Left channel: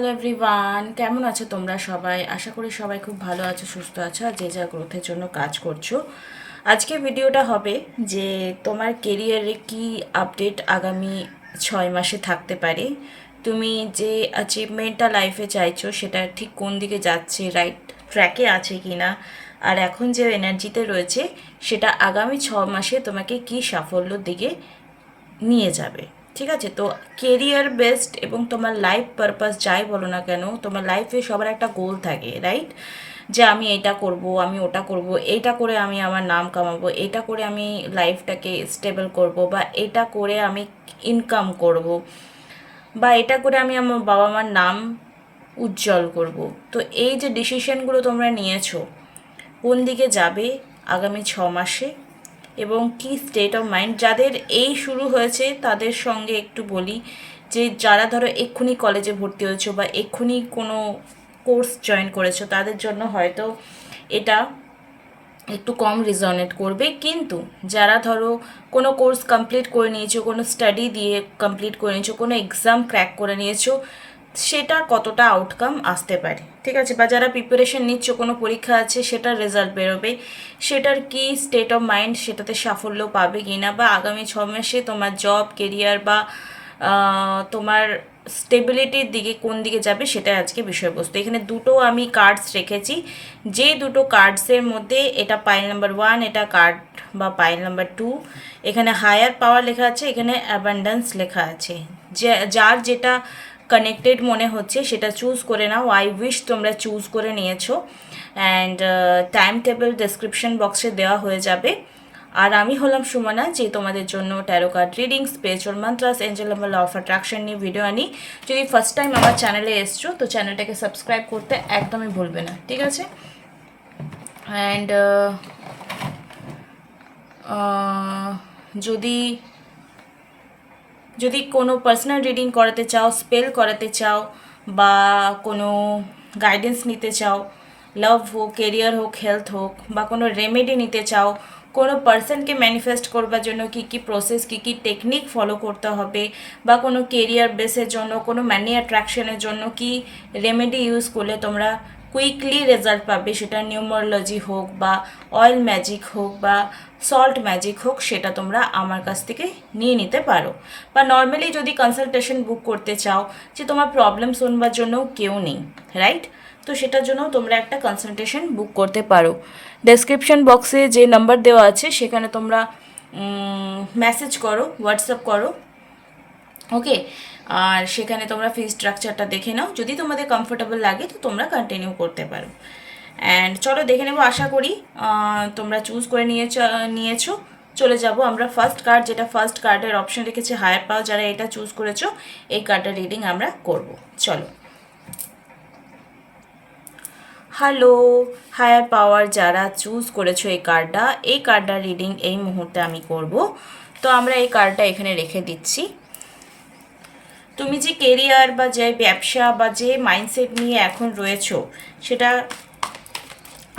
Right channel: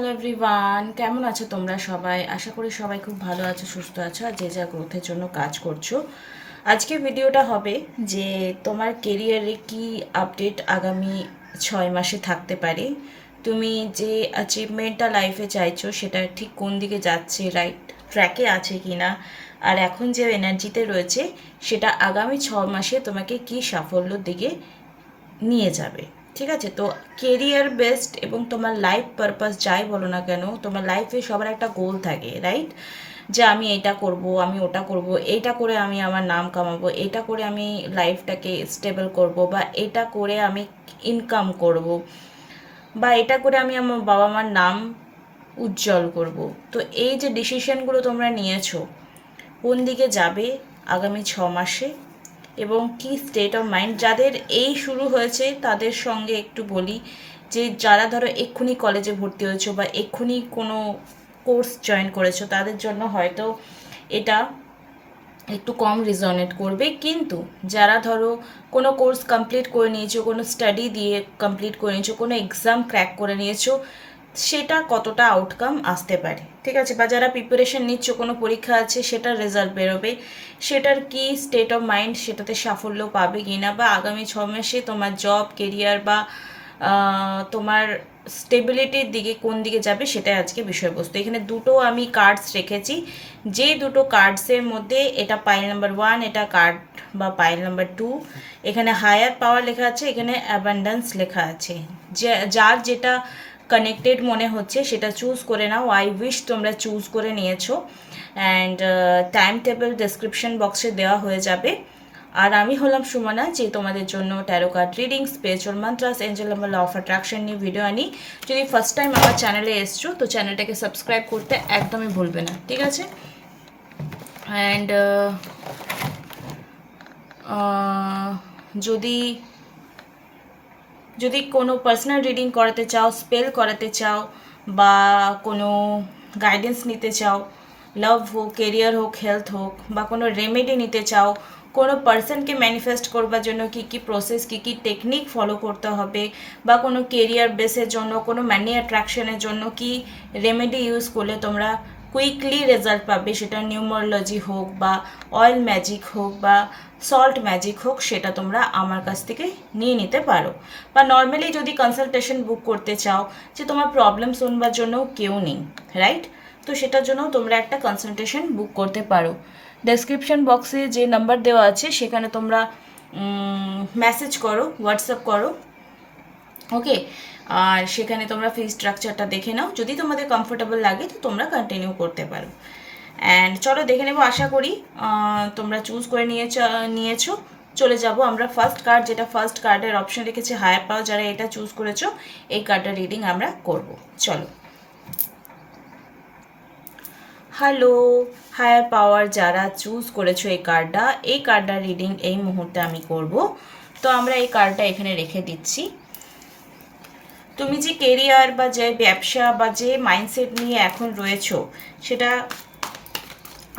Hello everyone, কেমন আছো তোমরা সবাই? আশা করি সবাই খুব ভালো আছো, সুস্থ আছো আর যে যা গ্রোথের জন্য কাজ করছো। আজকে ভিডিওটা হবে যে তোমার কেরিয়ারে কি আপডেট আগামী 6 মাসে থাকতে পারে, তুমি যে অ্যাচিভমেন্টটা লাইফে চাইছো সেটা ঠিক কোন দিকে যাচ্ছে, রাইট ট্র্যাকে আছে কি না, আর এখন যে এনার্জিতে রয়েছে সেটা আগামী 6 মাসে তোমাকে কি সাফল্যর দিকে নিয়ে যাবে। ঠিক আছে, তো কেরিয়ার বেসড এবং তোমার লাইফ পারপাস যাই বলো না কেন, তোমার লাইফে সবার একটা গোল থাকে, রাইট? যে আমি এটা করব, আমি ওটা করব, এইটা করে আমি আমার নাম কামাবো, এটা করে আমি লাইফটাকে স্টেবল করব, বা এটা করে আমি ইনকাম করব, বা এটা করে আমি আমার বাবা মার নাম উজ্জ্বল করব। তো এই যে ডিসিশনগুলো তোমরা নিয়েছো, কোন দিকে যাবে আগামী 6 মাসে এবং কি স্টেট অফ মাইন্ড, যাদের এই শুরু হয়েছে তাদের সঙ্গে একটু বলি যে যারা ধরো এক্ষুনি কলেজে ভর্তি হয়েছো বা এক্ষুনি কোনো কোর্স জয়েন করেছো, তাদের জন্য হয়তো এটা একটু কম রেজনেট করবে। কিন্তু যারা ধরো কোনো কোর্স কমপ্লিট করে নিয়েছো, কোনো স্টাডি দিয়ে কমপ্লিট করে নিয়েছো, কোনো এক্সাম ক্র্যাক করে নিয়েছো, সেটা কতটা আউটকাম আসতে পারে, ঠিক আছে, বা যারা প্রিপারেশন নিচ্ছ, কোনো পরীক্ষা আছে সেটার রেজাল্ট বেরোবে, সেটার কি স্টেট অফ মাইন্ড, সেটাতে সাফল্য পাবে কি না, বা আগামী 6 মাসে তোমার জব কেরিয়ার বা তোমার স্টেবিলিটির দিকে কোন দিকে যাবে, সেটাই আজকে বিষয়বস্তু। এখানে দুটো আমি কার্ডস রেখেছি, যে দুটো কার্ডসের মধ্যে এটা পাইল নাম্বার 1, এটা কার্ড বা পাইল নাম্বার 2, এখানে হায়ার পাওয়ার লেখা আছে, এখানে অ্যাবান্ডেন্স লেখা আছে। যে যার যেটা কানেক্টেড মনে হচ্ছে সেটা চুজ করে নাও। আই উইশ তোমরা চুজ করে নিয়েছো, অ্যান্ড টাইম টেবিল ডেসক্রিপশন বক্সে দেওয়া হয়ে যাবে। আর আমি হলাম সুমনা, যে তোমাদের জন্য tarot card reading, spiritual mantras, angel number, law of attraction নিয়ে ভিডিও আনি। যদি ফার্স্ট টাইম আমার চ্যানেলে এসছো তো চ্যানেলটাকে সাবস্ক্রাইব করতে একদমই ভুলবে না, ঠিক আছে? অ্যান্ড যদি যদি কোনো পার্সোনাল রিডিং করাতে চাও, স্পেল করাতে চাও, বা কোনো গাইডেন্স নিতে চাও, লাভ হোক, কেরিয়ার হোক, হেলথ হোক, বা কোনো রেমেডি নিতে চাও, কোনো পার্সনকে ম্যানিফেস্ট করবার জন্য কী কী প্রসেস, কী কী টেকনিক ফলো করতে হবে, বা কোনো কেরিয়ার বেসের জন্য, কোনো মানি অ্যাট্রাকশনের জন্য কি রেমেডি ইউজ করলে তোমরা কুইকলি রেজাল্ট পাবে, সেটা নিউমারোলজি হোক বা অয়েল ম্যাজিক হোক বা সল্ট ম্যাজিক হোক, সেটা তোমরা আমার কাছ থেকে নিয়ে নিতে পারো। বা নর্মালি যদি কনসালটেশন বুক করতে চাও, যে তোমার প্রবলেম শুনবার জন্যও কেউ নেই, রাইট, তো সেটার জন্য তোমরা একটা কনসালটেশন বুক করতে পারো। ডেসক্রিপশন বক্সে যে নাম্বার দেওয়া আছে সেখানে তোমরা মেসেজ করো, হোয়াটসঅ্যাপ করো, ওকে। আর সেখানে তোমরা ফি স্ট্রাকচারটা দেখে নাও, যদি তোমাদের কমফোর্টেবল লাগে তো তোমরা কন্টিনিউ করতে পারো। অ্যান্ড চলো দেখে নেবো, আশা করি তোমরা চুজ করে নিয়েছো। চলে যাব আমরা ফার্স্ট কার্ড, যেটা ফার্স্ট কার্ডের অপশন রেখেছে হায়ার পাওয়ার, যারা এটা চুজ করেছো এই কার্ডটা রিডিং আমরা করব। চলো। হ্যালো হায়ার পাওয়ার, যারা চুজ করেছো এই কার্ডটা রিডিং এই মুহূর্তে আমি করব। তো আমরা এই কার্ডটা এখানে রেখে দিচ্ছি। তুমি যে কেরিয়ার বা যে ব্যবসা বা যে মাইন্ডসেট নিয়ে এখন রয়েছো, সেটা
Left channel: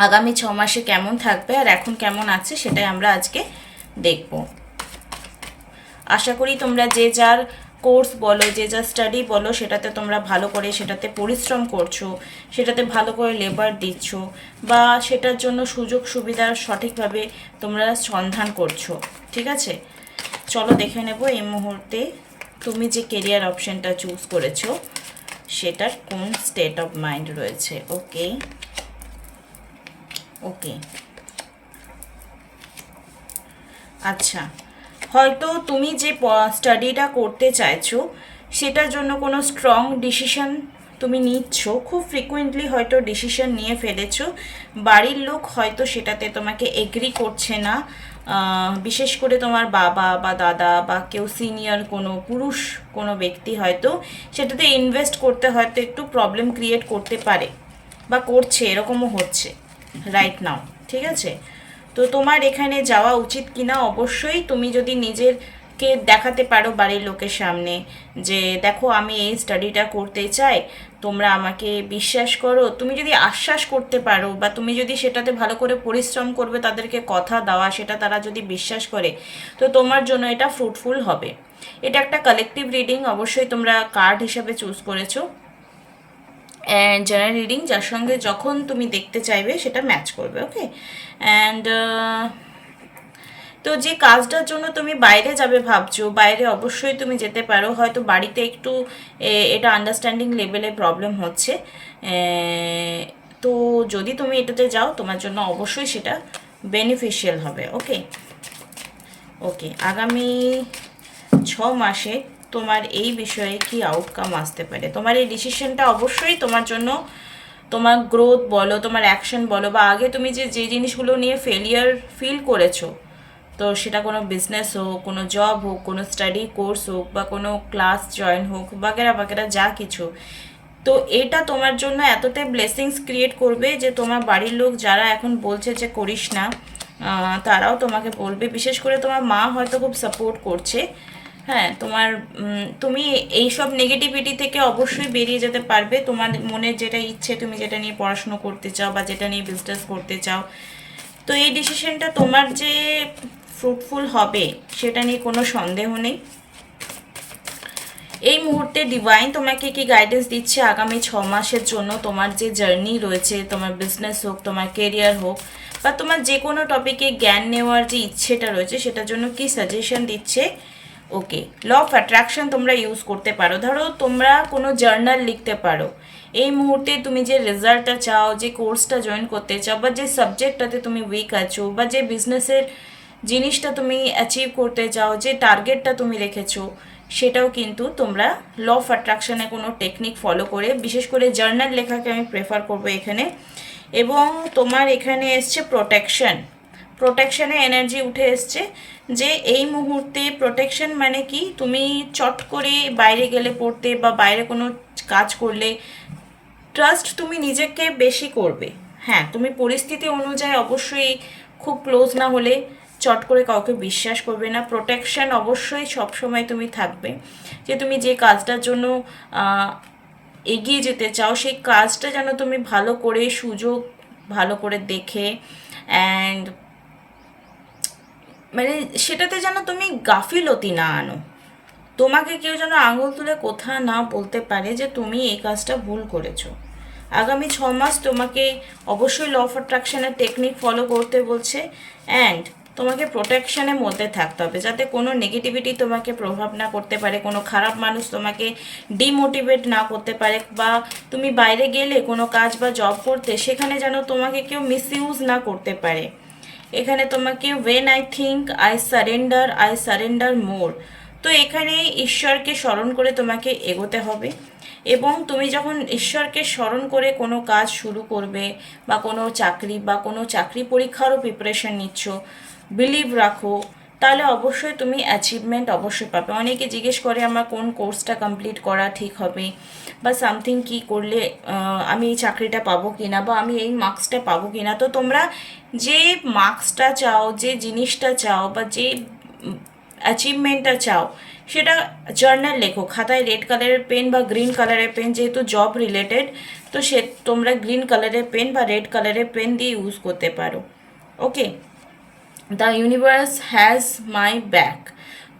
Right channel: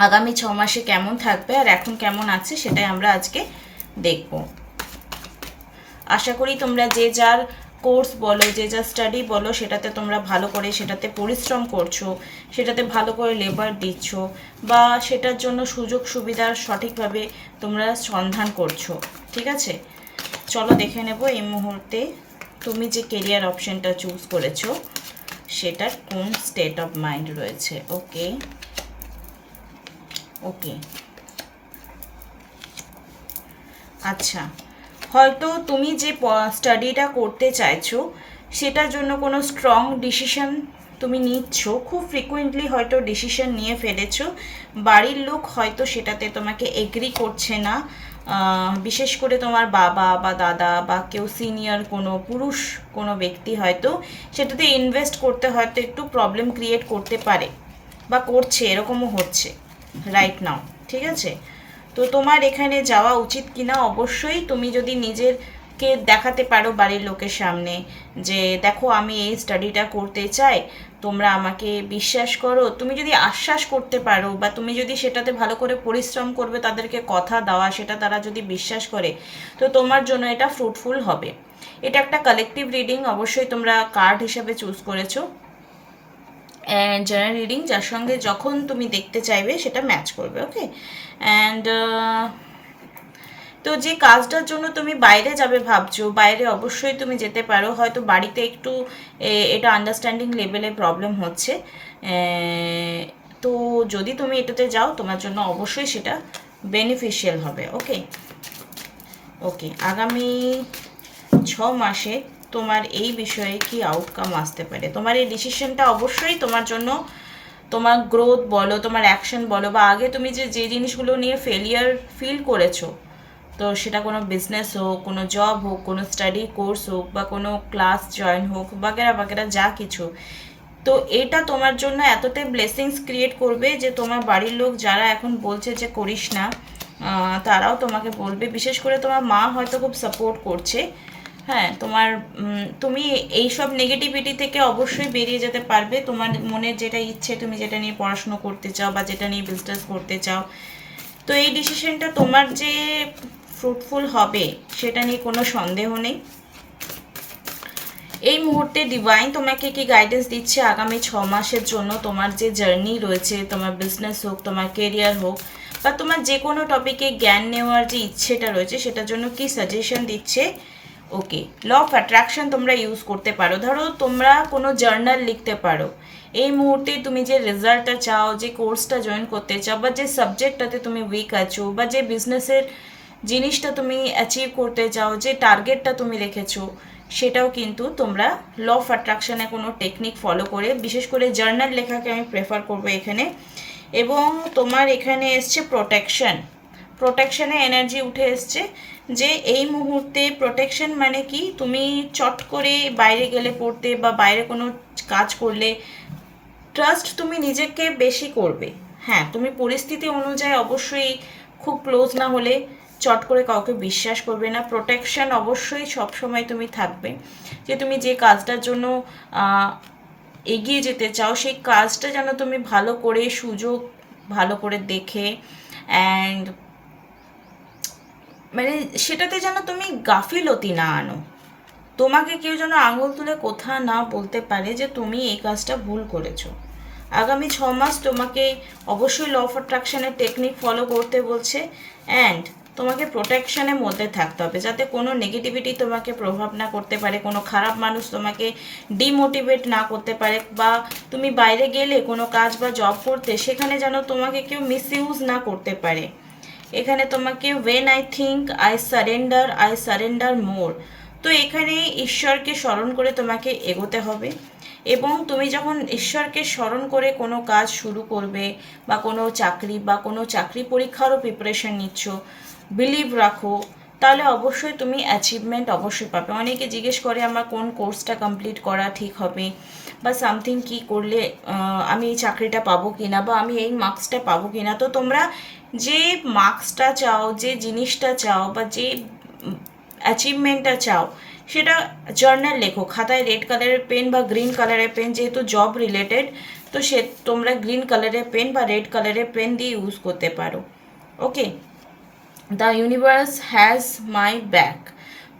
আগামী 6 মাসে কেমন থাকবে আর এখন কেমন আছে, সেটাই আমরা আজকে দেখব। আশা করি তোমরা যে যার কোর্স বলো, যে যার স্টাডি বলো, সেটাতে তোমরা ভালো করে সেটাতে পরিশ্রম করছো, সেটাতে ভালো করে লেবার দিচ্ছ, বা সেটার জন্য সুযোগ সুবিধা সঠিকভাবে তোমরা সন্ধান করছো, ঠিক আছে? চলো দেখে নেব এই মুহূর্তে তুমি যে কেরিয়ার অপশনটা চুজ করেছো সেটার কোন স্টেট অফ মাইন্ড রয়েছে। ওকে ওকে, আচ্ছা, হয়তো তুমি যে স্টাডিটা করতে চাইছো সেটার জন্য কোনো স্ট্রং ডিসিশন তুমি নিচ্ছ, খুব ফ্রিকুয়েন্টলি হয়তো ডিসিশন নিয়ে ফেলেছো, বাড়ির লোক হয়তো সেটাতে তোমাকে এগ্রি করছে না, বিশেষ করে তোমার বাবা বা দাদা বা কেউ সিনিয়র কোনো পুরুষ কোনো ব্যক্তি হয়তো সেটাতে ইনভেস্ট করতে হয়তো একটু প্রবলেম ক্রিয়েট করতে পারে বা করছে, এরকমও হচ্ছে রাইট নাও, ঠিক আছে? তো তোমার এখানে যাওয়া উচিত কিনা, অবশ্যই তুমি যদি নিজেকে দেখাতে পারো বাড়ির লোকের সামনে যে দেখো আমি এই স্টাডিটা করতে চাই, তোমরা আমাকে বিশ্বাস করো, তুমি যদি আশ্বাস করতে পারো বা তুমি যদি সেটাতে ভালো করে পরিশ্রম করবে, তাদেরকে কথা দেওয়া, সেটা তারা যদি বিশ্বাস করে, তো তোমার জন্য এটা ফ্রুটফুল হবে। এটা একটা কালেকটিভ রিডিং, অবশ্যই তোমরা কার্ড হিসাবে চুজ করেছো। জেনারেল রিডিং যার সঙ্গে যখন তুমি দেখতে চাইবে সেটা ম্যাচ করবে। ওকে, অ্যান্ড তো যে কাজটার জন্য তুমি বাইরে যাবে ভাবছো, বাইরে অবশ্যই তুমি যেতে পারো। হয়তো বাড়িতে একটু এটা আন্ডারস্ট্যান্ডিং লেভেলে প্রবলেম হচ্ছে, তো যদি তুমি এটাতে যাও তোমার জন্য অবশ্যই সেটা বেনিফিশিয়াল হবে। ওকে ওকে, আগামী 6 মাসে তোমার এই বিষয়ে কি আউটকাম আসতে পারে, তোমার এই ডিসিশনটা অবশ্যই তোমার জন্য, তোমার গ্রোথ বলো, তোমার অ্যাকশন বলো, বা আগে তুমি যে যে জিনিসগুলো নিয়ে ফেলিয়ার ফিল করেছো, তো সেটা কোনো বিজনেস হোক, কোনো জব হোক, কোনো স্টাডি কোর্স হোক, বা কোনো ক্লাস জয়েন হোক, বাগেরা বাগেরা যা কিছু, তো এটা তোমার জন্য এতটাই ব্লেসিংস ক্রিয়েট করবে যে তোমার বাড়ির লোক যারা এখন বলছে যে করিস না, তারাও তোমাকে বলবে। বিশেষ করে তোমার মা হয়তো খুব সাপোর্ট করছে। হ্যাঁ, তোমার তুমি এইসব নেগেটিভিটি থেকে অবশ্যই বেরিয়ে যেতে পারবে। তোমার মনের যেটা ইচ্ছে, তুমি যেটা নিয়ে পড়াশুনো করতে চাও বা যেটা নিয়ে বিজনেস করতে চাও, তো এই ডিসিশনটা তোমার যে ফ্রুটফুল হবে সেটা নিয়ে কোনো সন্দেহ নেই। এই মুহূর্তে ডিভাইন তোমাকে কি গাইডেন্স দিচ্ছে আগামী 6 মাসের জন্য, তোমার যে জার্নি রয়েছে, তোমার বিজনেস হোক, তোমার কেরিয়ার হোক, বা তোমার যে কোনো টপিকে জ্ঞান নেওয়ার যে ইচ্ছেটা রয়েছে সেটার জন্য কি সাজেশন দিচ্ছে। ওকে, ল অফ অ্যাট্রাকশন তোমরা ইউজ করতে পারো। ধরো তোমরা কোনো জার্নাল লিখতে পারো এই মুহূর্তে তুমি যে রেজাল্টটা চাও, যে কোর্সটা জয়েন করতে চাও, বা যে সাবজেক্টটাতে তুমি উইক আছো, বা যে বিজনেসের জিনিসটা তুমি অ্যাচিভ করতে চাও, যে টার্গেটটা তুমি রেখেছো, সেটাও কিন্তু তোমরা ল অফ অ্যাট্রাকশনে কোনো টেকনিক ফলো করে, বিশেষ করে জার্নাল লেখাকে আমি প্রেফার করবো এখানে। এবং তোমার এখানে এসছে প্রোটেকশন, প্রোটেকশনে এনার্জি উঠে এসছে যে এই মুহূর্তে প্রোটেকশন মানে কি, তুমি চট করে বাইরে গেলে পড়তে বা বাইরে কোনো কাজ করলে ট্রাস্ট তুমি নিজেকে বেশি করবে। হ্যাঁ, তুমি পরিস্থিতি অনুযায়ী অবশ্যই খুব ক্লোজ না হলে চট করে কাউকে বিশ্বাস করবে না। প্রোটেকশন অবশ্যই সবসময় তুমি থাকবে, যে তুমি যে কাজটার জন্য এগিয়ে যেতে চাও সেই কাজটা যেন তুমি ভালো করে সুযোগ ভালো করে দেখে, অ্যান্ড মানে সেটাতে যেন তুমি গাফিলতি না আনো, তোমাকে কেউ যেন আঙুল তুলে কোথা না বলতে পারে যে তুমি এই কাজটা ভুল করেছো। আগামী 6 মাস তোমাকে অবশ্যই ল অফ অ্যাট্রাকশনের টেকনিক ফলো করতে বলছে, অ্যান্ড তোমাকে প্রোটেকশনের মধ্যে থাকতে হবে যাতে কোনো নেগেটিভিটি তোমাকে প্রভাব না করতে পারে, কোনো খারাপ মানুষ তোমাকে ডিমোটিভেট না করতে পারে, বা তুমি বাইরে গেলে কোনো কাজ বা জব করতে সেখানে যেন তোমাকে কেউ মিসইউজ না করতে পারে। এখানে তোমাকে ওয়েন আই সারেন্ডার মোর, তো এখানে ঈশ্বরকে স্মরণ করে তোমাকে এগোতে হবে। এবং তুমি যখন ঈশ্বরকে স্মরণ করে কোনো কাজ শুরু করবে, বা কোনো চাকরি বা কোনো চাকরি পরীক্ষারও প্রিপারেশন নিচ্ছ, বিলিভ রাখো, তাহলে অবশ্যই তুমি অ্যাচিভমেন্ট অবশ্যই পাবে। অনেকে জিজ্ঞেস করে আমার কোন কোর্সটা কমপ্লিট করা ঠিক হবে, বা সামথিং কি করলে আমি এই চাকরিটা পাবো কিনা, বা আমি এই মার্কসটা পাবো কিনা। তো তোমরা যে মার্কসটা চাও, যে জিনিসটা চাও, বা যে অ্যাচিভমেন্টটা চাও, সেটা জার্নাল লেখো খাতায়, রেড কালারের পেন বা গ্রিন কালারের পেন, যেহেতু জব রিলেটেড, তো সে তোমরা গ্রিন কালারের পেন বা রেড কালারের পেন দিয়ে ইউজ করতে পারো। Okay, the universe has my back,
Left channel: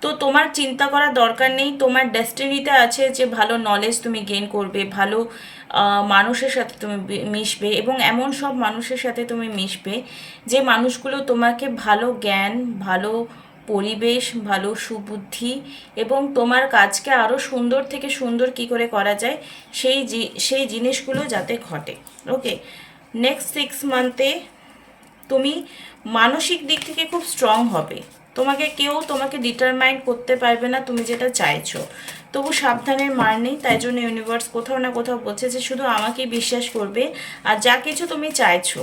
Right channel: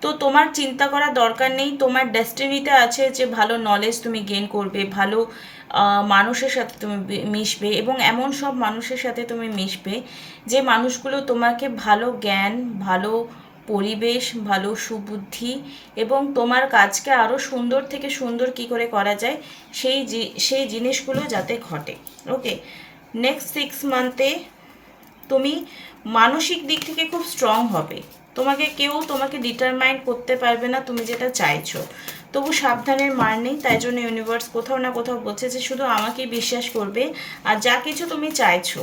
তো তোমার চিন্তা করার দরকার নেই, তোমার ডেস্টিনিতে আছে যে ভালো নলেজ তুমি গেইন করবে, ভালো মানুষের সাথে তুমি মিশবে, এবং এমন সব মানুষের সাথে তুমি মিশবে যে মানুষগুলো তোমাকে ভালো জ্ঞান, ভালো পরিবেশ, ভালো সুবুদ্ধি, এবং তোমার কাজকে আরও সুন্দর থেকে সুন্দর কি করে করা যায় সেই জিনিসগুলো যাতে ঘটে। ওকে, নেক্সট 6 মান্থে তুমি মানসিক দিক থেকে খুব স্ট্রং হবে, কেউ তোমাকে ডিটারমাইন্ড করতে পারবে না তুমি যেটা চাইছো। তবু সাবধানের মার নেই, তাই জন্য ইউনিভার্স কোথাও না কোথাও বলছে যে শুধু আমাকেই বিশ্বাস করবে, আর যা কিছু তুমি চাইছো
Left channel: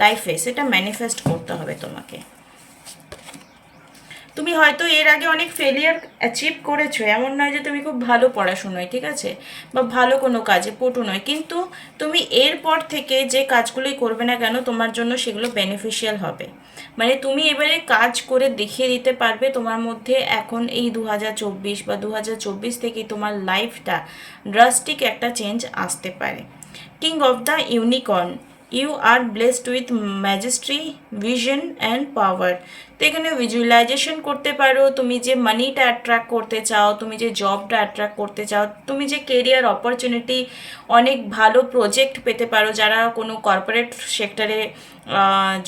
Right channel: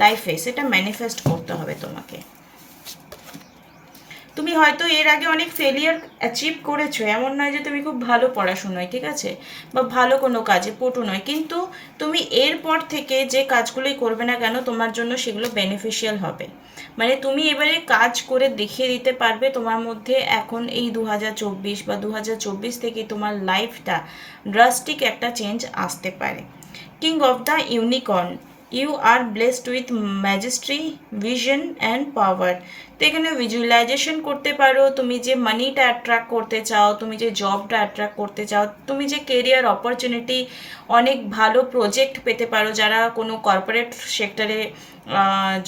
লাইফে সেটা ম্যানিফেস্ট করতে হবে তোমাকে। তুমি হয়তো এর আগে অনেক ফেলিয়ার অ্যাচিভ করেছো, এমন নয় যে তুমি খুব ভালো পড়াশোনায়, ঠিক আছে, বা ভালো কোনো কাজে পটু নয়, কিন্তু তুমি এরপর থেকে যে কাজগুলোই করবে না কেন তোমার জন্য সেগুলো বেনিফিশিয়াল হবে। মানে তুমি এবারে কাজ করে দেখিয়ে দিতে পারবে তোমার মধ্যে এখন এই 2024 বা 2024 থেকে তোমার লাইফটা ড্রাস্টিক একটা চেঞ্জ আসতে পারে। King of the unicorn, you are blessed with majesty, vision and power. তো এখানে ভিজুয়ালাইজেশন করতে পারো তুমি যে মানিটা অ্যাট্রাক্ট করতে চাও, তুমি যে জবটা অ্যাট্রাক্ট করতে চাও, তুমি যে কেরিয়ার অপরচুনিটি, অনেক ভালো প্রজেক্ট পেতে পারো। যারা কোনো কর্পোরেট সেক্টরে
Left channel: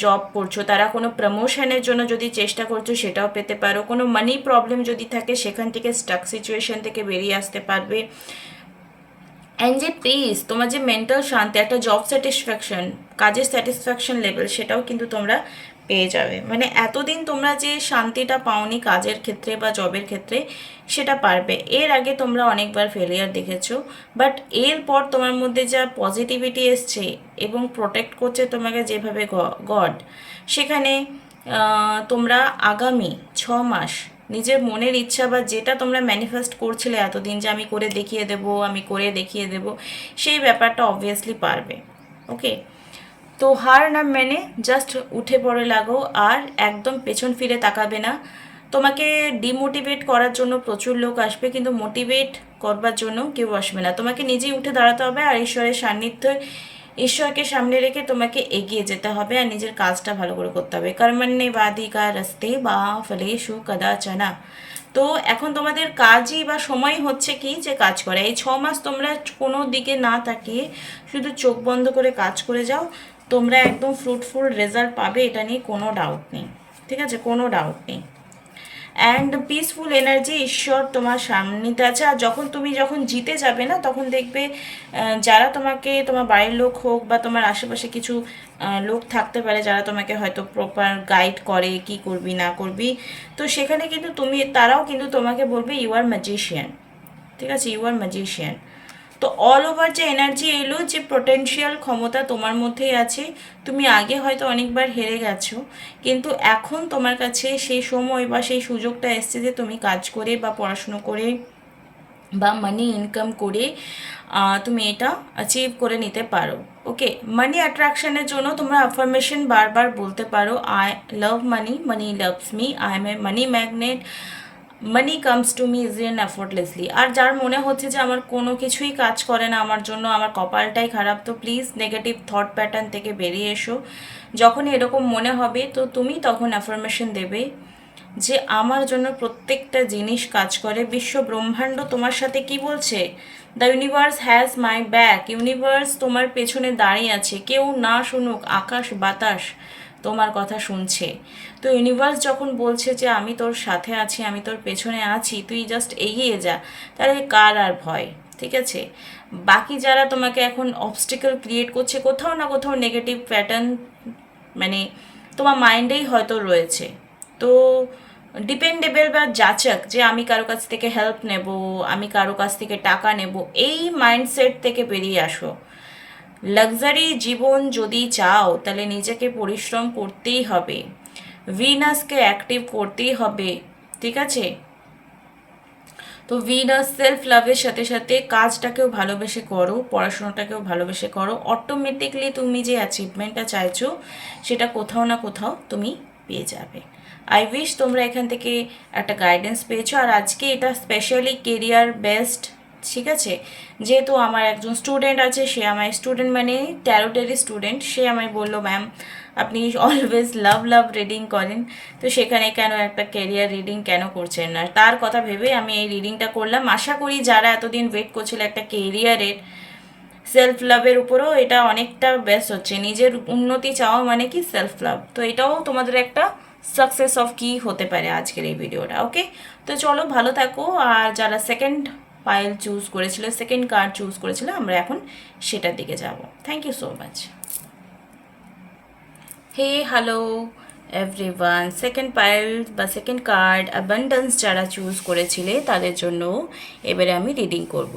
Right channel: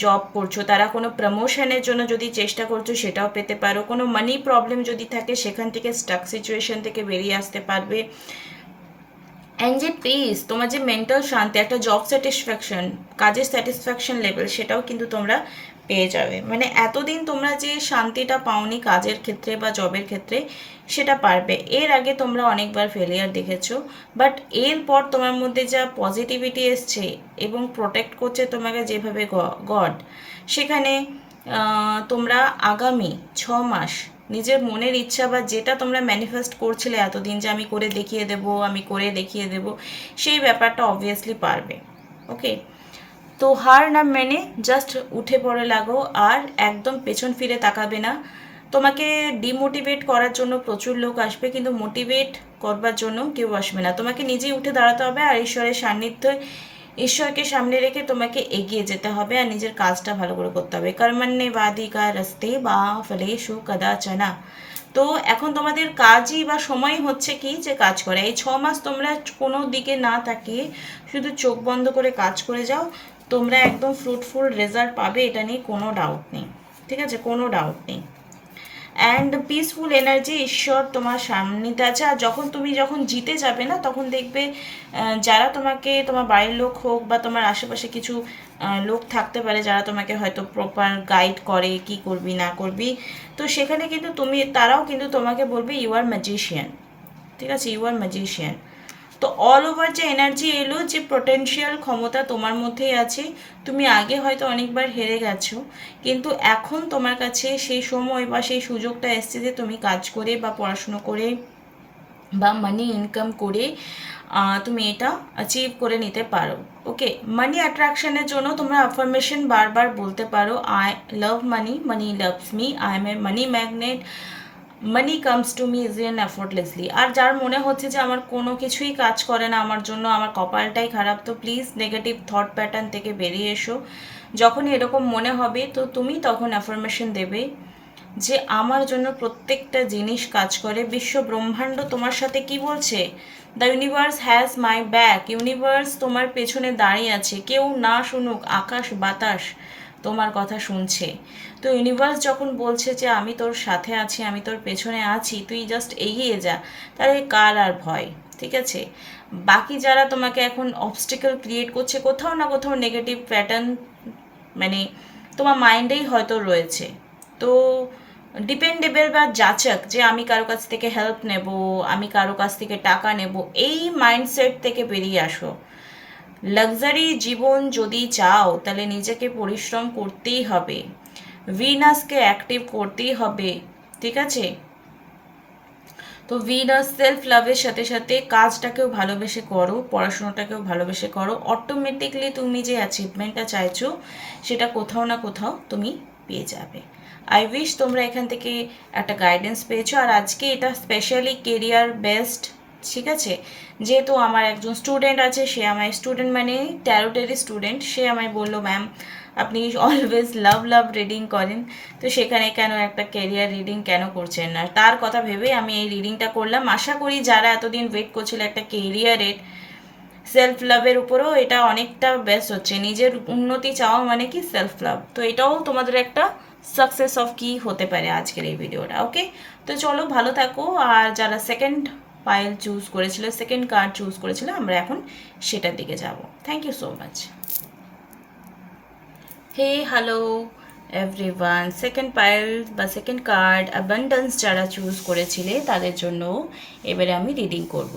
জব করছো, তারা কোনো প্রমোশনের জন্য যদি চেষ্টা করছো সেটাও পেতে পারো। কোনো মানি প্রবলেম যদি থাকে সেখান থেকে স্টাক সিচুয়েশন থেকে বেরিয়ে আসতে পারবে। অ্যান্ড যে পিস, তোমার যে মেন্টাল শান্তি, একটা জব স্যাটিসফ্যাকশন, কাজের স্যাটিসফ্যাকশন লেভেল, সেটাও কিন্তু তোমরা পেয়ে যাবে। মানে এতদিন তোমরা যে শান্তিটা পাওনি কাজের ক্ষেত্রে বা জবের ক্ষেত্রে, সেটা পারবে। এর আগে তোমরা অনেকবার ফেলিয়ার দেখেছো, বাট এরপর তোমার মধ্যে যা পজিটিভিটি এসছে এবং প্রোটেক্ট করছে তোমাকে যেভাবে গড, সেখানে তোমরা আগামী 6 মাস নিজের মনের ইচ্ছা বা যেটা তোমরা ম্যানিফেস্ট করছিলে এতদিন যে আমি করে দেখিয়ে দেব, আমি করে দেখিয়ে দেব, সেই ব্যাপারটা অবভিয়াসলি পারবে। ওকে, তো হার না মেনে জাস্ট উঠে পড়ে লাগো, আর একদম পেছন ফিরে তাকাবে না। তোমাকে ডিমোটিভেট করার জন্য প্রচুর লোক আসবে, কিন্তু মোটিভেট করবার জন্য কেউ আসবে না। তোমাকে নিজেই উঠে দাঁড়াতে হবে, আর ঈশ্বরের সান্নিধ্যে, ঈশ্বরকে সামনে রেখে তোমাকে এগিয়ে যেতে হবে, আর নিজের কাজটা ভালো করে করতে হবে। কর্মণ্যেবাধিকা রাস্তে বা ফলেষু কদাচনা। তো এখন তোমাদের কাজই বা সময় হচ্ছে কি যে কাজ করে। এই 6 মাস তোমরা কোনো দিকে না তাকিয়ে শুধু চোখ বন্ধ করে কাজ করে যাও, তোমরা একদম ফ্রুটফুল রেজাল্ট পাবে, এটা নিয়ে কোনো ডাউট নেই। ঠিক আছে, কোনো ডাউট নেই। অ্যান্ড পিসফুল এনার্জি, ঈশ্বর তোমার সামনেতে আছে। আর যখন জিতে যাবে না, তখন দেখবে যারা তোমাকে, তোমার বাড়ির লোক হোক বা তোমার আশেপাশে কিছু লোক থাকতে পারে যারা তোমাকে হয়তো প্রপার গাইড করে কি করবি না করবি, তো সেখানে কিন্তু তারাও কিন্তু তোমাকে বলবে ইউ আর ম্যাজিশিয়ান। ঠিক আছে, ইউ আর ম্যাজিশিয়ান। তো অল ওভার যে এনার্জি এলো, যে পোটেনশিয়াল ক্ষমতা তোমার মধ্যেই আছে। তুমি আগে হয়তো অনেকবার হেরে গেছো, কিন্তু এখন তোমার কাছে সেই সময় বা সেই সুযোগটা এসছে যে তুমি কাজ করে বা পড়াশুনো করে বা মানি ইনকাম করে তুমি এটা অ্যাচিভ করে নিতে পারো। ওকে, মানি অ্যাট্রাকশনের জন্য তোমরা অ্যাফার্মেশন বারবার বলতে পারো, I love money, money loves me, I am a money magnet, money comes to me easy and effortlessly. আর যার মনে হচ্ছে যে আমার কোনো কিছুই কাজ করে না আমার জন্য, আমার কপালটাই খারাপ, তো প্লিজ নেগেটিভ থট প্যাটার্ন থেকে বেরিয়ে এসো। যখন এরকম মনে হবে তো তুমি তখন অ্যাফার্মেশন দেবে যে আমার জন্য প্রত্যেকটা জিনিস কাজ করে। বিশ্ব ব্রহ্মাণ্ড তোমার সাথে কি বলছে? The universe has my back. Universe তোমার পেছনে দাঁড়িয়ে আছে, কেউ না শুনুক, আকাশ বাতাস তোমার কথা শুনছে। তো ইউনিভার্স যখন বলছে যে আমি তোর সাথে আছি, আমি তোর পেছনে আছি, তুই জাস্ট এগিয়ে যা, তাহলে কার আর ভয়? ঠিক আছে, বাকি যারা তোমাকে এখন অবস্টিকল ক্রিয়েট করছে, কোথাও না কোথাও নেগেটিভ প্যাটার্ন মানে তোমার মাইন্ডেই হয়তো রয়েছে। তো ডিপেন্ডেবল বা যাচক যে আমি কারো কাছ থেকে হেল্প নেব, আমি কারো কাছ থেকে টাকা নেব, এই মাইন্ডসেট থেকে বেরিয়ে আসো। লাক্সারি জীবন যদি চাও তাহলে নিজেকে পরিশ্রম করতেই হবে, ভিনাসকে অ্যাক্টিভ করতেই হবে। ঠিক আছে, তো ভিনাস সেলফ লাভের সাথে সাথে কাজটাকেও ভালোবেসে করো, পড়াশোনাটাকেও ভালোবেসে করো, অটোমেটিকলি তুমি যে অ্যাচিভমেন্টটা চাইছো সেটা কোথাও না কোথাও তুমি পেয়ে যাবে। আই উইশ তোমরা এখান থেকে একটা গাইডেন্স পেয়েছো। আর আজকে এটা স্পেশালি কেরিয়ার বেসড। ঠিক আছে, যেহেতু আমার একজন স্টুডেন্ট আছে, সে আমার স্টুডেন্ট মানে ট্যারোটেরই স্টুডেন্ট, সে আমায় বললো ম্যাম আপনি অলওয়েজ লাভ রিডিং করেন, তো সেখানে কেন একটা কেরিয়ার রিডিং কেন করছেন না? তার কথা ভেবে আমি এই রিডিংটা করলাম। আশা করি যারা এতদিন ওয়েট করছিল একটা কেরিয়ারের, সেলফ লাভের উপরেও এটা অনেকটা বেস্ট হচ্ছে। নিজের উন্নতি চাওয়া মানে কি সেলফ লাভ, তো এটাও তোমাদের একটা সাকসেস অফ কি হতে পারে আজকের এই ভিডিওটা। ওকে, তো চলো ভালো থাকো। আর যারা সেকেন্ড পাইল চুজ করেছিল, সেকেন্ড কার্ড চুজ করেছিল, আমরা এখন সেটার দিকে যাব। Thank you so much. Hey hello everyone, second pile বা সেকেন্ড কার্ড অ্যাবান্ডেন্স যারা চুজ করেছিলে তাদের জন্য এবারে আমি রিডিং করব।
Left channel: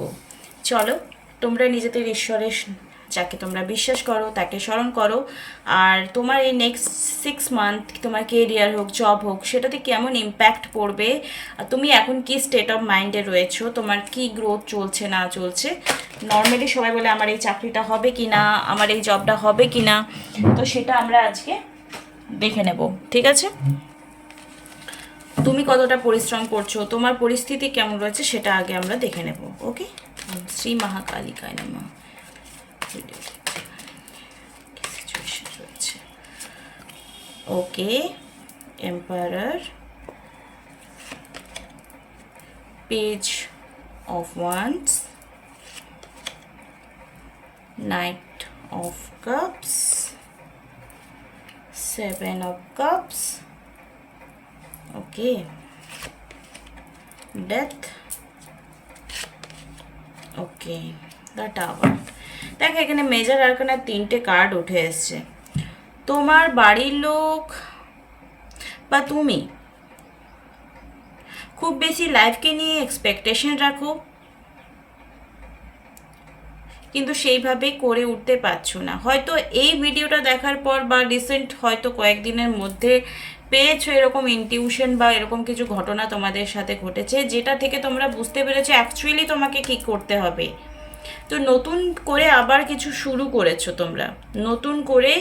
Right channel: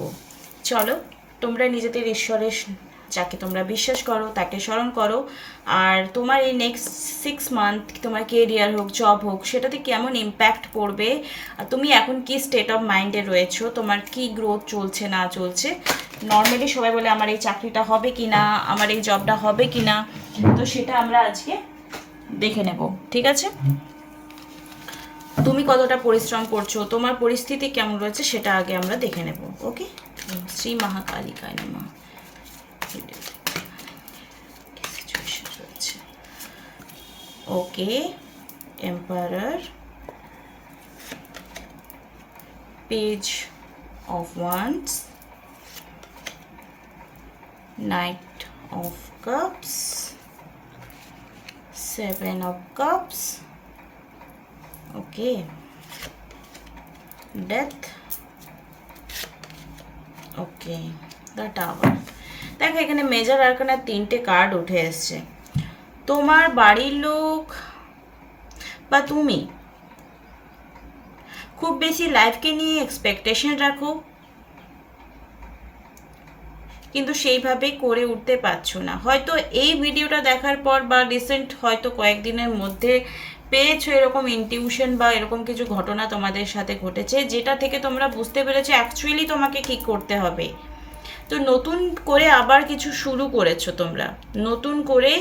চলো, তোমরা নিজেদের ঈশ্বরের, যাকে তোমরা বিশ্বাস করো তাকে স্মরণ করো, আর তোমার এই নেক্সট 6 মান্থ তোমার কেরিয়ার হোক, জব হোক, সেটাতে কেমন ইম্প্যাক্ট পড়বে, আর তুমি এখন কি স্টেট অফ মাইন্ডে রয়েছো, তোমার কি গ্রোথ চলছে না চলছে। নর্মালি সবাই বলে আমার এই চাকরিটা হবে কি না, আমার এই জবটা হবে কি না, তো সেটা আমরা আজকে দেখে নেব। ঠিক আছে, তুমি কতটা পরিশ্রম করছো, তোমার পরিস্থিতি কেমন রয়েছে, সেটা আগে আমরা দেখে নেব। ওকে, শ্রী মহাকালিকায় নমঃ। Okay, empire, page of wands, knight of cups, seven of cups, okay, death, okay, the tower. দেখো এখানে মেজর আরকানা 3টে কার্ড উঠে এসছে। তোমার বাড়ির লোক বা তুমি খুব বেশি লাইফকে নিয়ে এক্সপেকটেশন রাখো, কিন্তু সেইভাবে করে উঠতে পারছো না। হয়তো এই ভিডিওটা দেখার পর বা রিসেন্ট হয়তো কয়েকদিনের মধ্যে পেয়েছো এরকম ইনটিউশন বা এরকম কিছু ঘটনা তোমাদের সাথে ঘটেছে, যেটা থেকে তোমরা বুঝতে পেরেছো অ্যাকচুয়ালি তোমাকে কী করতে হবে। তো নতুন করে আবার কিছু শুরু করেছো তোমরা, নতুন করে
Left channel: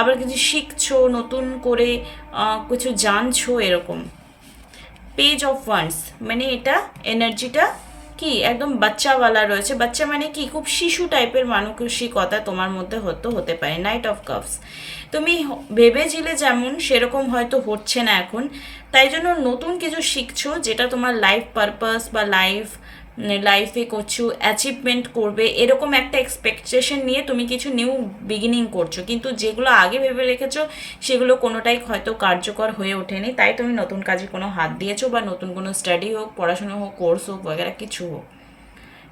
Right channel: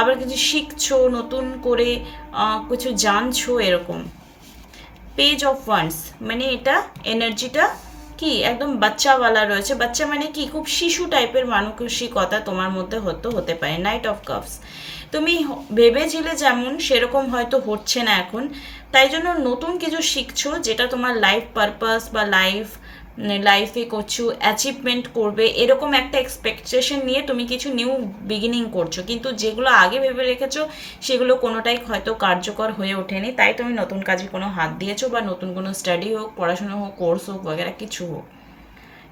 আবার কিছু শিখছো, নতুন করে কিছু জানছো এরকম। পেজ অফ ওয়ান্স মানে এটা এনার্জিটা কি একদম বাচ্চাওয়ালা রয়েছে। বাচ্চা মানে কি খুব শিশু টাইপের মানসিকতা তোমার মধ্যে হতে পারে। নাইট অফ কাপস, তুমি ভেবেছিলে যেমন সেরকম হয়তো হচ্ছে না এখন, তাই জন্য নতুন কিছু শিখছো যেটা তোমার লাইফ পারপাস বা লাইফে কিছু অ্যাচিভমেন্ট করবে এরকম একটা এক্সপেকটেশন নিয়ে তুমি কিছু নিউ বিগিনিং করছো, কিন্তু যেগুলো আগে ভেবে রেখেছো সেগুলো কোনোটাই হয়তো কার্যকর হয়ে ওঠেনি, তাই তুমি নতুন কাজে কোনো হাত দিয়েছো বা নতুন কোনো স্টাডি হোক, পড়াশোনা হোক, কোর্স হোক বগেরা কিছু হোক,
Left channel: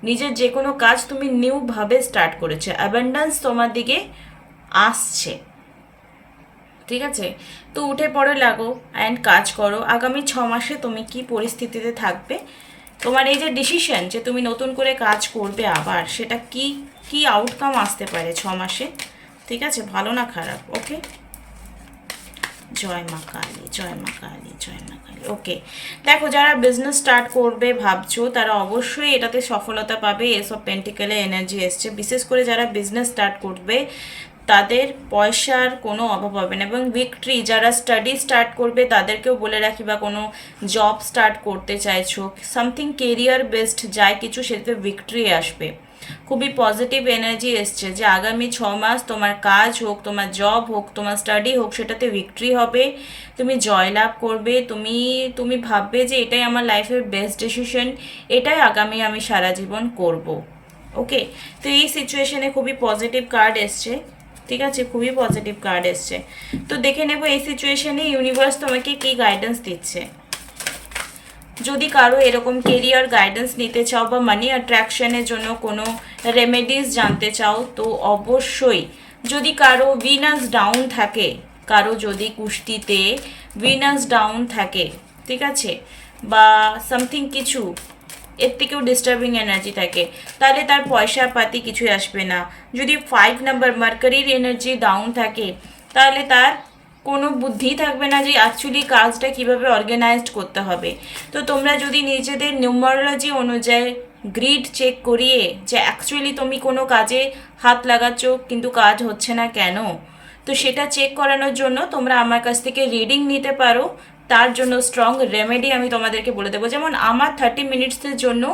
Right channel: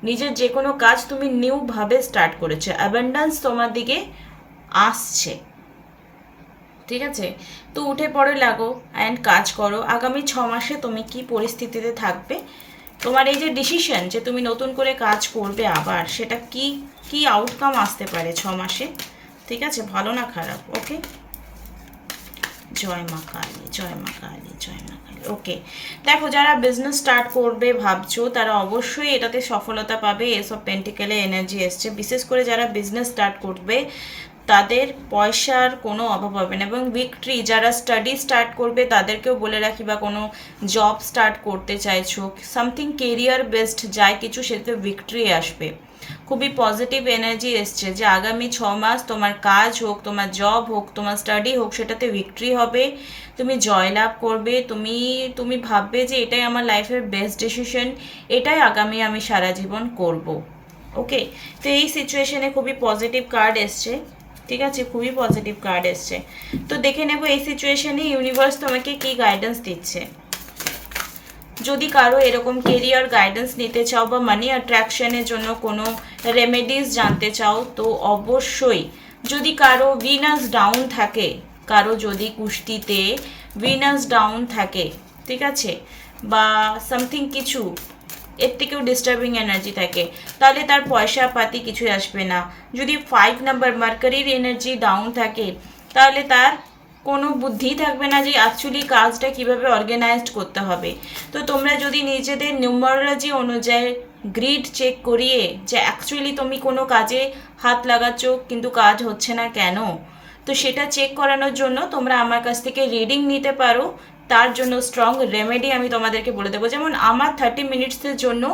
নিজের যে কোনো কাজ তুমি নিউভাবে স্টার্ট করেছো। অ্যাবান্ডেন্স তোমার দিকে আসছে, ঠিক আছে? তো উঠে পড়ে লাগো অ্যান্ড কাজ করো। আগামী 6 মাসে তুমি কি পরিস্থিতিতে থাকবে, তোমার এই যে ডিসিশন যে তুমি নতুন করে কাজ করবে আবার, সেটা কি কি আউটকাম আসতে পারে 6 মাসে, ঠিক আছে? ভালো না খারাপ? ওকে, জয় মা কালী, জয় মা কালী, জয় মা কালী। ওকে, দেখো যারা বিজনেস স্টার্ট করবে ভাবছো তারা অবশ্যই এটাতে সফলতা পাবে। এসব পেন্টিকেলে এনার্জি এসছে, বিশেষ করে যারা বিজনেস স্টার্ট করবে তাদের পয়সার কোনো অভাব হবে না। এবং ভিক্টরি, যারা স্টাডি স্টার্ট করবে তাদেরকেও বলে রাখি, বা কোনো জব স্টার্ট করতে চাইছো, সামথিং কেরিয়ার বেসড যায় কিছু, সেটাতে ভিক্টরি আসবে। খুবই পজিটিভ এনার্জি এসছে যে আগামী 6 মাস তোমার কাজ হোক, তোমার জব হোক, তোমার স্টাডি হোক, সেটাতে ভিক্টরি হবে, তুমি জয়লাভ করবে। তুমি ভাববে যে এটাই আমার লাইফের বেস্ট ডিসিশন, এটাই আগামী আমি সারা জীবন করব। ওকে, তো এই সিচুয়েশনে খুবই পজিটিভ কার্ড এসছে, ঠিক আছে? খুবই পজিটিভ কার্ড এসছে। তো দেখে নেব এই সিচুয়েশনে ইউনিভার্স তোমাকে কী গাইডেন্স দিচ্ছে। যদি কারো এরকম কেরিয়ার গাইডেন্স নিতে চাও বা মানি অ্যাট্রাকশনের জন্য কোনো রেমেডিস জানতে চাও, তো অবশ্যই, যদি কারো ভিনাস ডাউন থাকে, কারো যদি কুষ্টিতে ভিনাস ডাউন থাকে, ঠিক আছে, বা সামথিং কিছু এর থেকেও ডিস্টার্বিং এনার্জি থাকে, তাহলে তার পয়সা পাতি কিছুই আসবে না। যদি 5 নাম্বার মার্কারির এনার্জি ডাউন থাকে, তাহলে তার কোনো বুদ্ধি থাকবে না যে অ্যাকচুয়ালি কাজটা কিভাবে অর্গানাইজড করতে হবে। তো তোমরা যদি নিজেদের নিউমারোলজি অনুযায়ী গ্রিড চেক করিয়ে যে অ্যাকচুয়ালি তুমি কোনো কাজে হাত লাগাচ্ছ কিন্তু কাজ হচ্ছে না কেন, তো সেটা চেক করানোর জন্য তোমরা আমার কাছ থেকে রিডিং নিতে পারো। তার জন্য স্ট্রং রেমেডি আমি তোমাদেরকে বলে দেবো। যেমন আমার 30 মিনিটসের জন্য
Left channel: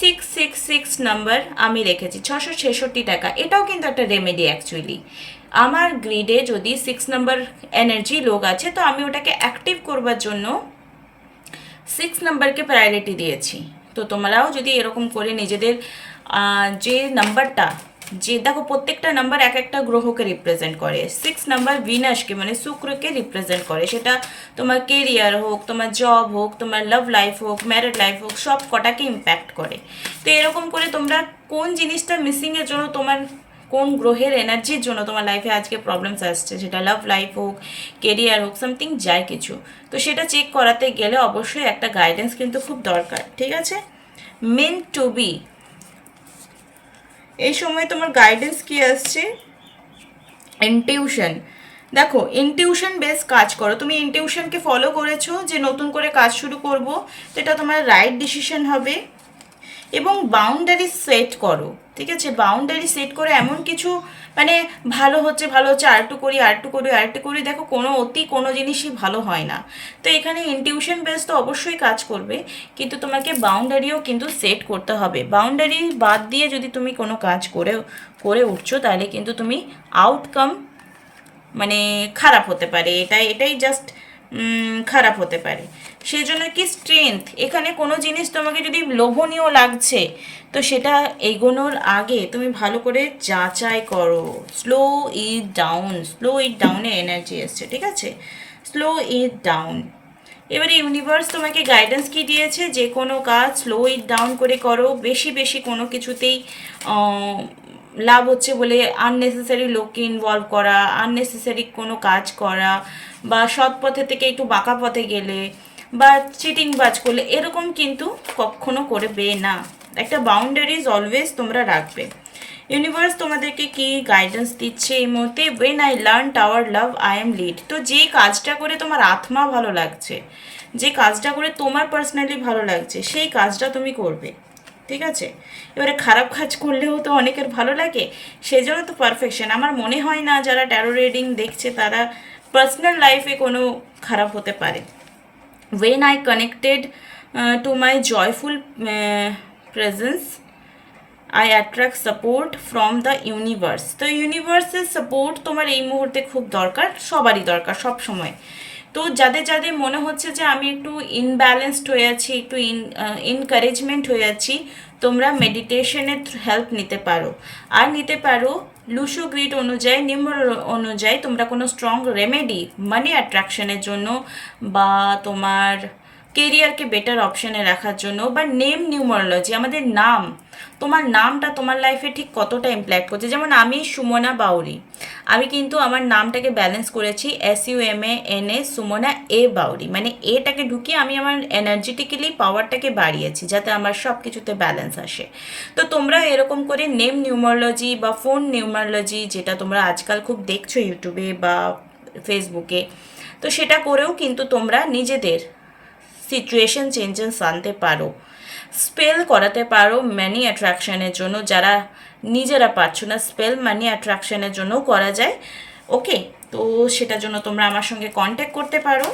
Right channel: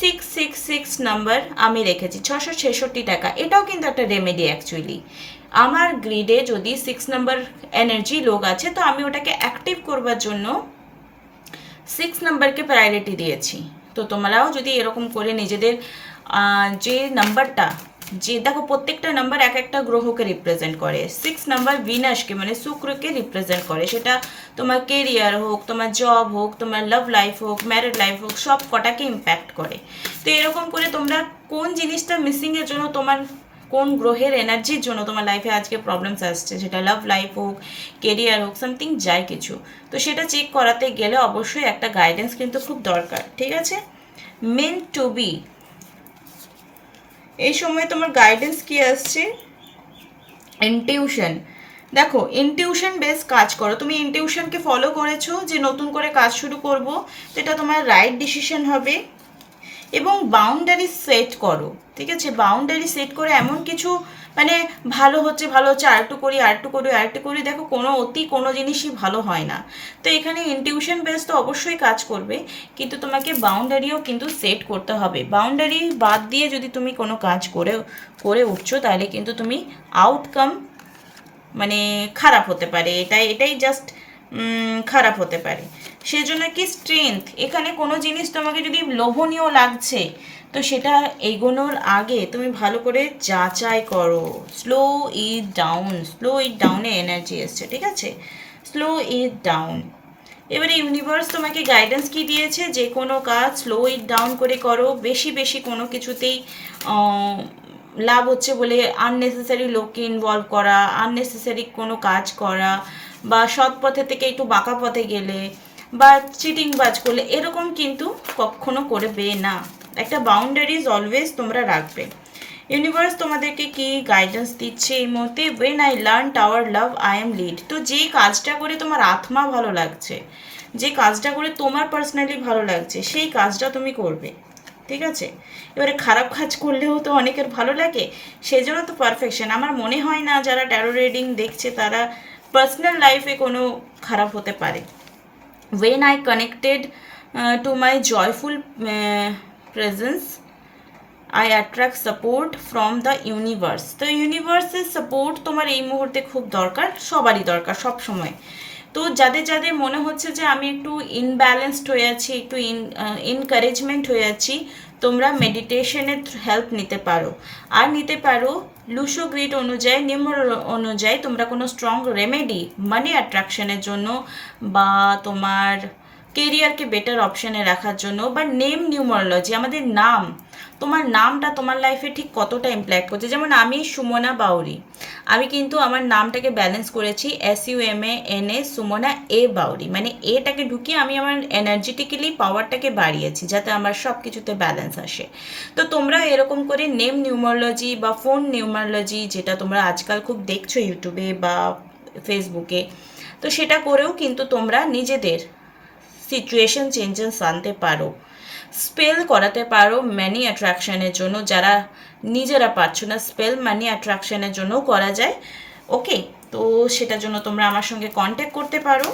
666 নাম্বার আমি রেখেছি, 666 টাকা। এটাও কিন্তু একটা রেমেডি অ্যাকচুয়ালি। আমার গ্রিডে যদি 6 নাম্বার এনার্জি লোক আছে, তো আমি ওটাকে অ্যাক্টিভ করবার জন্য 6 নাম্বারকে প্রায়োরিটি দিয়েছি। তো তোমরাও যদি এরকম করে নিজেদের যে নাম্বারটা, যে দেখো প্রত্যেকটা নাম্বার এক একটা গ্রহকে রিপ্রেজেন্ট করে। 6 নাম্বার ভিনাসকে মানে শুক্রকে রিপ্রেজেন্ট করে। সেটা তোমার কেরিয়ার হোক, তোমার জব হোক, তোমার লাভ লাইফ হোক, ম্যারিড লাইফ হোক, সব কটাকে ইম্প্যাক্ট করে। তো এরকম করে তোমরা কোন জিনিসটা মিসিংয়ের জন্য, তোমার কোন গ্রহের এনার্জির জন্য তোমার লাইফে আজকে প্রবলেমস আসছে, সেটা লাভ লাইফ হোক, কেরিয়ার হোক, সামথিং যায় কিছু, তো সেটা চেক করাতে গেলে অবশ্যই একটা গাইডেন্স কিন্তু খুব দরকার, ঠিক আছে? মেন্ট টু বি, এই সময় তোমার গাইডেন্স কি আসছে? ইনটিউশন। দেখো ইনটিউশন বেস কাজ করো, তুমি ইনটিউশনকে ফলো করেছো যে নতুন করে কাজ শুরু করব, তো এটা তোমার রাইট ডিসিশন হবে। এবং বাউন্ডারি সেট করো, ঠিক আছে? বাউন্ডারি সেট করে এমন কিছু মানে ভালো হচ্ছে আরেকটু করি আরেকটু করি, দেখো কোনো জিনিসই ভালো হয় না। তো এখানে ইনটিউশন বেস তো অবশ্যই কাজ করবে, কিন্তু তোমাকে বাউন্ডারিও কিন্তু সেট করতে হবে। বাউন্ডারি বাদ দিয়ে যদি তুমি কোনো কাজ করে উঠছো, তাহলে কিন্তু তুমি আউটকাম মানে খারাপ হতে পারে, এটাই জাস্ট খারাপ হতে পারে। সেই জন্য কি স্ট্রেংথ, এখানে কোনো জিনিস তোমাকে যদি লোভনীয় লাগছে তো সেটা এগোনোর আগে তুমি ভালো করে যাচাই করো। স্লো ইট ডাউনে এনার্জি এসছে, ঠিক আছে, স্লো ইট ডাউন। এবারে ইউনিভার্স তোমাকে গাইডেন্স কি দিয়েছে, যে কোনো কাজ স্লো ইট ডাউন করে করো। বেশি বেশি কোনো কিছুতেই লাভ হচ্ছে বলে আননেসেসারি লোককে ইনভলভ করা, আননেসেসারি কোনো কাজ করা, বা সৎ পথে থেকে একটু বাঁকা পথে গেলে বা চিটিং বাজ করলে এরকম কিন্তু কখনো করবে না। একটা বাউন্ডারিজ অলওয়েজ তোমরা রাখবে। ইউনিভার্স তোমাদেরকে কি গাইডেন্স দিচ্ছে এই মুহূর্তে, when I learn our love I am lead. তো যে কাজটা করে তোমার আত্মা ভালো লাগছে, যে কাজটা করে তোমার পার্সোনালি ভালো লাগছে, সেই কাজটা তুমি করবে, ঠিক আছে। এবারে খারাপ কাজ করলেও তো অনেকের ভালো লাগে, সেই জন্য তো পারফেকশন। আমার মনে হয় না যারা ট্যারো রিডিং দেখছে তারা পার্সোনাল লাইফে কোনো খারাপ হতে পারে। when I connected to my joyful presence I attract support from the universe। তো ইউনিভার্সের সাপোর্ট তোমার এই মুহূর্তে খুব দরকার, সবারই দরকার সব সময়। তো যাদের যাদের মনে হচ্ছে যে আমি একটু ইনব্যালেন্সড হয়ে আছি, একটু ইনকারেজমেন্ট হয়ে আছি, তোমরা মেডিটেশনের হেল্প নিতে পারো। আর নিতে পারো লুসো গ্রিড অনুযায়ী, নিউমার অনুযায়ী তোমরা কোনো স্ট্রং রেমেডি মানি অ্যাট্রাকশনের জন্য, বা তোমার কেরিয়ারকে বেটার অপশানে রাখার জন্য, বা নেম নিউমারোলজি, আমাদের নাম, তোমার নামটা তোমার লাইফে ঠিক কতটা ইমপ্যাক্ট করছে। যেমন আমি সুমনা বাউরি, আমি কিন্তু আমার নামটাকে ব্যালেন্স করেছি SUMANA সুমনা বাউরি, মানে এটাকে ঢুকিয়ে আমি আমার এনার্জেটিক্যালি পাওয়ারটাকে বাড়িয়েছি যাতে আমার সব কিছুতে ব্যালেন্স আসে। তো তোমরা এরকম করে নেম নিউমারোলজি বা ফোন নিউমারোলজি, যেটা তোমরা আজকাল খুব দেখছো ইউটিউবে বা ফেসবুকে, তো সেটা করেও কিন্তু তোমরা নিজেদের সিচুয়েশন চেঞ্জেস আনতে পারো। স্পেল করাতে পারো মানি অ্যাট্রাকশনের জন্য, যারা নিজেরা পারছো না, স্পেল মানি অ্যাট্রাকশনের জন্যও করা যায়। ওকে, তো সেটার জন্য তোমরা আমার সঙ্গে কন্ট্যাক্ট করতে পারো।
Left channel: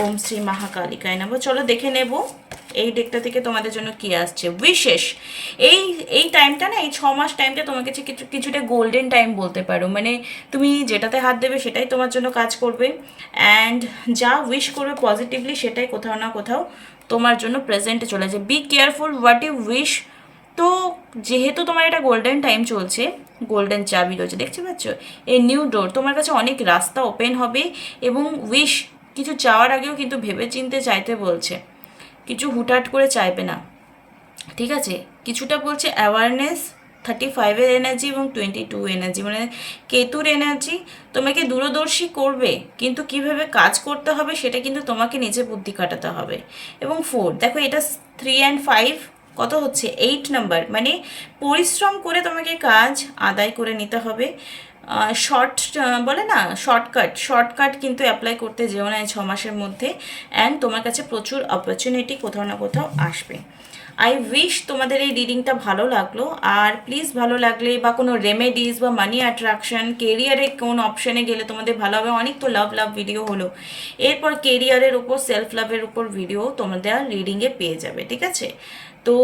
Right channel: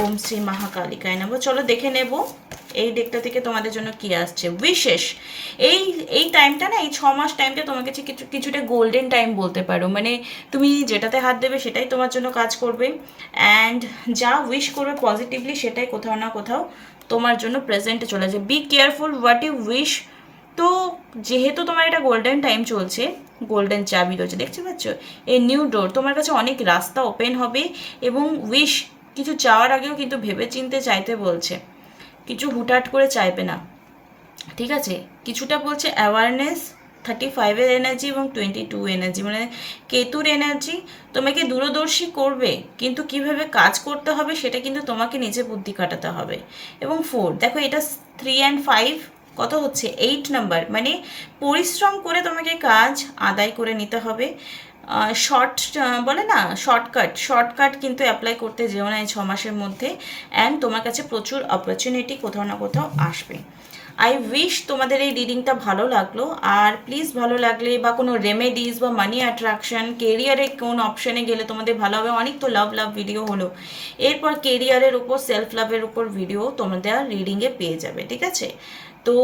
ওম শ্রী মহাকালিকায় নমঃ। চলো দেখে নেব এই ডেকটা থেকে তোমাদের জন্য কি আসছে। বিশেষ এই টাইমটা না, এই 6 মাস টাইমটা তোমার কাছে কিছুটা গোল্ডেন টাইম বলতে পারো। মানে তুমি যেটাতে হাত দেবে সেটাই তোমার জন্য কাজ করবে, অ্যান্ড যা উইশ করবে পজিটিভলি সেটাই কোথাও না কোথাও তোমার জন্য প্রেজেন্টে চলে যায়। Be careful what you wish. তো যেহেতু তোমার এটা গোল্ডেন টাইম চলছে, গোল্ডেন চাবি রয়েছে দেখতে পাচ্ছ, এই নিউ ডোর, তোমার কাছে অনেক রাস্তা ওপেন হবে। এবং উইশ, কিছু চাওয়ার আগেও কিন্তু ভেবে চিনতে চাইতে বলছে, কিছু হুটহাট করে চাইবে না, ঠিক আছে। কিছুটা বলছে অ্যাওয়ারনেস, 35-এর এনার্জি এবং 22 এনার্জি, মানে কেতুর এনার্জি তোমাকে দূরদর্শী করবে, কিন্তু কিভাবে কাজ করতে হবে সেটা কিন্তু তোমাকে নিজে বুদ্ধি কাটাতে হবে। এবং 4 দেখো, এটা 3 and 5 কত হচ্ছে 8 নাম্বার, মানে পরিশ্রম করে তোমাকে কাজ আদায় করে নিতে হবে। বলে না শর্টকাট কিন্তু অ্যাপ্লাই করতে যেও না এই 6 মাসের মধ্যে। অ্যান্ড তোমার কাছে প্রচুর অপরচুনিটি কোথাও না কোথাও আসবে। আই উইশ তোমাদের এই রিডিংটা ভালো লাগলো। আর প্লিজ ভালো লাগলে বা কোনো রেমেডিস বা মানি অ্যাট্রাকশন, কেরিয়ারে কোন অপশানে গেলে তোমাদের ভালো হবে, অনেক তো লাভ ভিডিও হলো, এরপর কেরিয়ারের উপর, সেলফ লাভের উপর ভিডিও তোমাদের রিডিংয়ে পেয়ে যাবে, ঠিক আছে। তো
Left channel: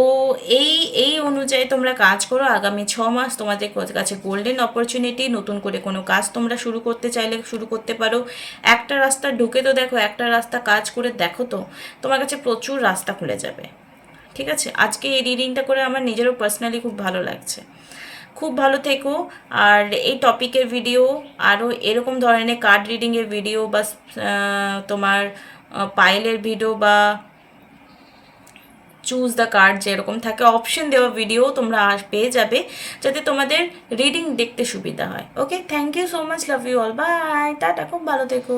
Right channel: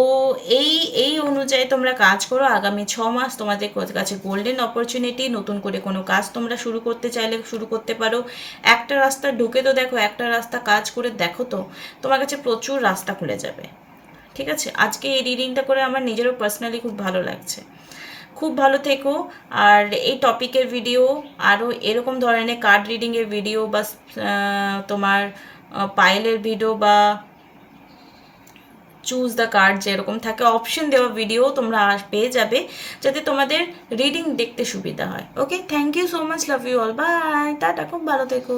এই অনুযায়ী তোমরা কাজ করো। আগামী 6 মাস তোমাদের কাছে গোল্ডেন অপরচুনিটি। নতুন করে কোনো কাজ তোমরা শুরু করতে চাইলে শুরু করতে পারো। একটা রাস্তা ঢুকে তো দেখো, একটা রাস্তা কাজ করে দেখো, তো তোমার কাছে প্রচুর রাস্তা খুলে যাবে, ঠিক আছে। আজকে এই রিডিংটা করে আমার নিজেরও পার্সোনালি খুব ভালো লাগছে। খুব ভালো থেকো। আর এই টপিকের ভিডিও, আরও এরকম ধরনের কার্ড রিডিংয়ের ভিডিও বা তোমার পাইলের ভিডিও বা চুজ দ্য কার্ড যেরকম থাকে অপশন দেওয়া ভিডিও তোমরা পেয়ে যাবে, যাতে তোমাদের রিডিং দেখতে সুবিধা হয়। Okay, thank you so much, love you all, bye, টাটা, খুব ভালো থেকো।